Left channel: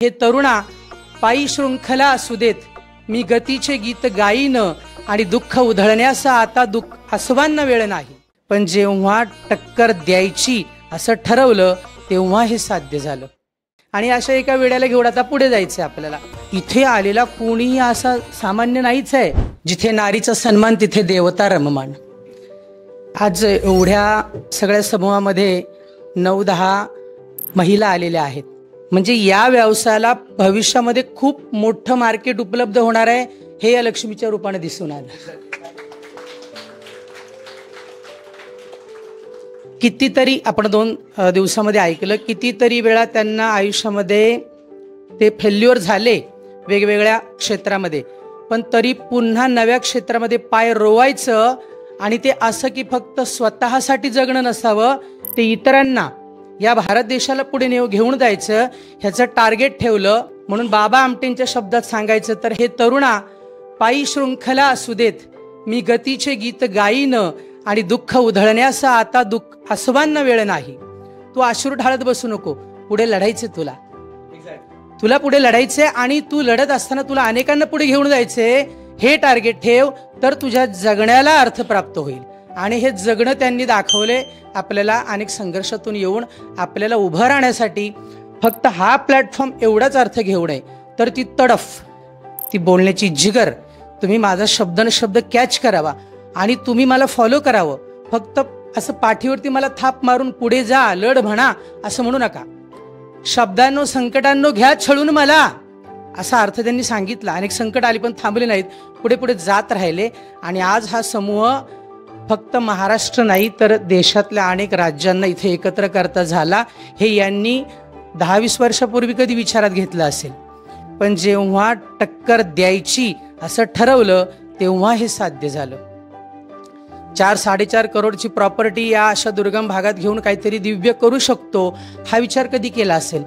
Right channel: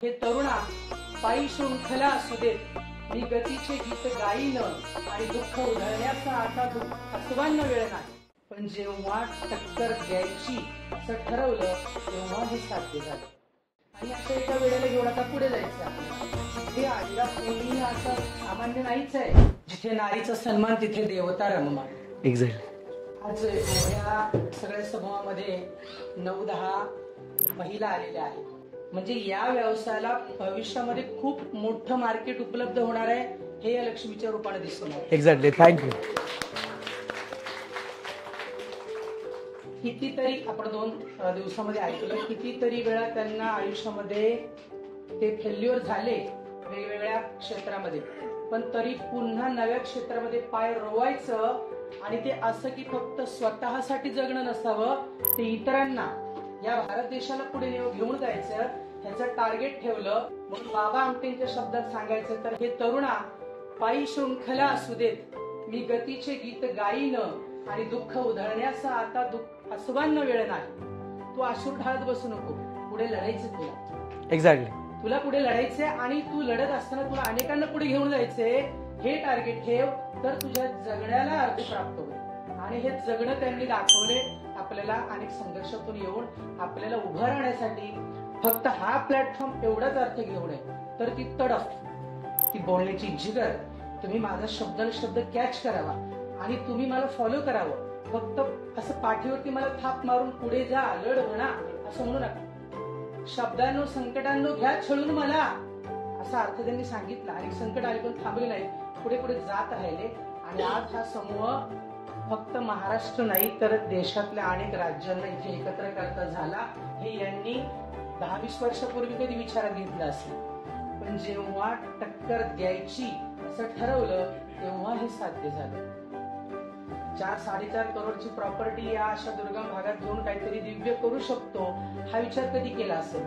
हे तरुणा पायी शृंखला असू देत, मी गतीचे गीत गाईन आणि दुःख उधळण्याचा आता हसवांना वेळ नाही। पण जेव्हा टक्कर द्यायची असं ठरवलं तेव्हा हे साध्य झालं। आणि अशा एका वेळेला घेऊन आता पुढे जायचं आपल्याला। इथे आलेला कोणीही असा सामान्य नाहीच आहे। जिथे नारीचा सन्मान तिथे देवता रममान। आज एवढ्या सगळ्या समूहामध्ये 9-10 महिला आलेल्या आहेत। म्हणजे या व्यवसायाला भविष्यामध्ये खूप मोठं मार्केट उपलब्ध होणार आहे, हे या लक्ष्मीच्या रूपाने दिसून आलं। Exactly, thank you. कितीतरी आपण 2 दिवसामध्ये ऐकलं, कितीतरी वेळा त्यांना आयुष्यामध्ये ते फेल्युअर झाले वेगवेगळ्या क्षेत्रामध्ये, पण तरी पुन्हा नव्या क्षेत्रामध्ये पाय रोवायचं। आणि ते असं की फक्त स्वतःसाठी जगणं नसावं, ते इतरांना, या भारत देशाला पुढे घेऊन जायचं ह्याचं टार्गेट ठेवलं। म्हणून बाबा आमटेंच्या शब्दात सांगायचं तर हे तरुणा पायी शृंखला असू देत, मी गतीचे गीत गाईन आणि दुःख उधळण्याचा आता हसवांना वेळ नाही। तू अश्रू ढाळत बसू नको, पुढे लढायचे तुला। एक्झॅक्टली, तुला पुढे लढायचे आणि तू लढत असताना तुला अनेकांना पुढे घेऊन जायचे, हे टार्गेट ठेव, तर तुझ्या जगण्याला अर्थ प्राप्त होईल। आणि हे जगणं त्यांनी दाखवले आपल्याला। अनेक संघर्षातून येऊन आपल्याला उभं राहण्यासाठी फक्त हा प्लॅटफॉर्म एवढाच अर्थ घेऊ नये, तर ती तडफ, ती बोलण्याची जिगर, तुम्ही माझा शब्द न शब्द कॅच करावा आणि तुम्ही मला फॉलो करावं। फक्त असं पाठीवरती मला थाप मारून पुढे जा, लढ म्हणा असं म्हणू नका। शब्दांनो संकटांनो घ्या छळून मला, असा अर्थ त्यांनी सांगितला। अनेक संकट आली पण थांबले नाहीत, पुढे पुढे जात राहिले। आणि आज हा समूह फक्त महाराष्ट्र नाही तर देशातल्या अनेक राज्यांना इथे एकत्र करता झाला। हे यांनी 10-20 वर्षापूर्वी कधी विचारात घेतलं असेल, पण जेव्हा टक्कर द्यायची असं ठरवलं तेव्हा हे साध्य झालं। 4-4.5 करोडची प्रॉपर्टी या अशा दुर्गम भागात घेऊन काहीतरी दिव्य करू शकतो, हा विचार कधी केला असेल,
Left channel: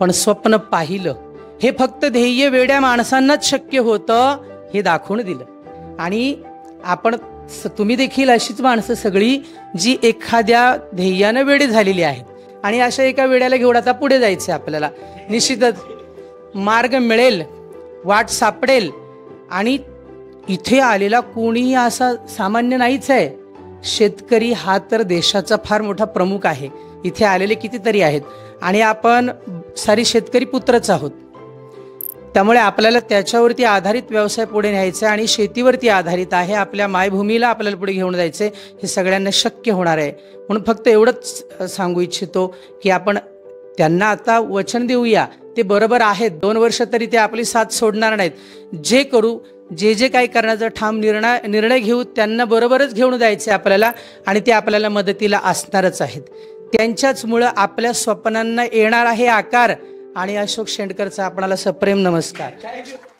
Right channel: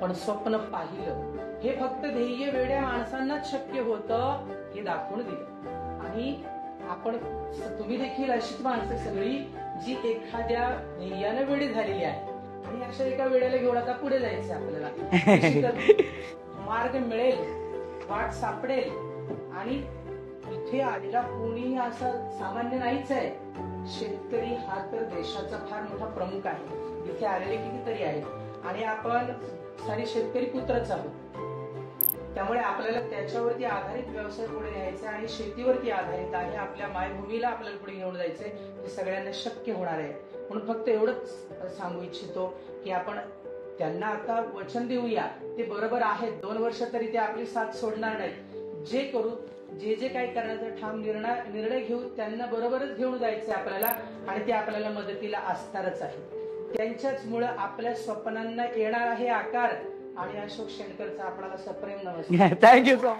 पण स्वप्न पाहिलं। हे फक्त ध्येय वेड्या माणसांनाच शक्य होतं, हे दाखवून दिलं। आणि तुम्ही देखील अशीच माणसं सगळी जी एखाद्या ध्येयानं वेडे झालेली आहेत। आणि अशा एका वेळेला घेऊन आता पुढे जायचं आपल्याला। निश्चितच मार्ग मिळेल, वाट सापडेल। आणि इथे आलेला कोणीही असा सामान्य नाहीच आहे। शेतकरी हा तर देशाचा फार मोठा प्रमुख आहे। इथे आलेले कितीतरी आहेत आणि आपण सारी शेतकरी पुत्रच आहोत। त्यामुळे आपल्याला त्याच्यावरती आधारित व्यवसाय पुढे न्यायचा आणि शेतीवरती आधारित आहे। आपल्या मायभूमीला आपल्याला पुढे घेऊन जायचं, हे सगळ्यांना शक्य होणार आहे। म्हणून फक्त एवढंच सांगू इच्छितो की आपण त्यांना आता वचन देऊया, ते बरोबर आहेत। 2 वर्ष तरी ते आपली साथ सोडणार नाहीत। जे करू, जे काही करण्याचा ठाम निर्णय घेऊ, त्यांना बरोबरच घेऊन जायचं आपल्याला। आणि ते आपल्याला मदतीला असणारच आहेत। त्यांच्याचमुळं आपल्या स्वप्नांना येणार आहे आकार। आणि अशोक शेंडकरचा आपणाला सप्रेम नमस्कार। Thank you so much.